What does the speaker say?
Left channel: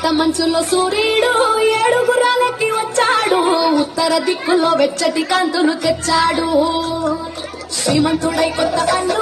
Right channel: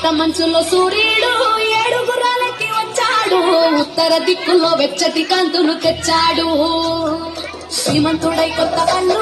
ఏకాంత మంచులో సూర్యుడు ఏడుగురాలకి వచ్చాడు ఉత్తర దిక్కులో వెచ్చటి కాంతులు తెచ్చాడు శ్రీమంతుడై కొత్త కళ్ళు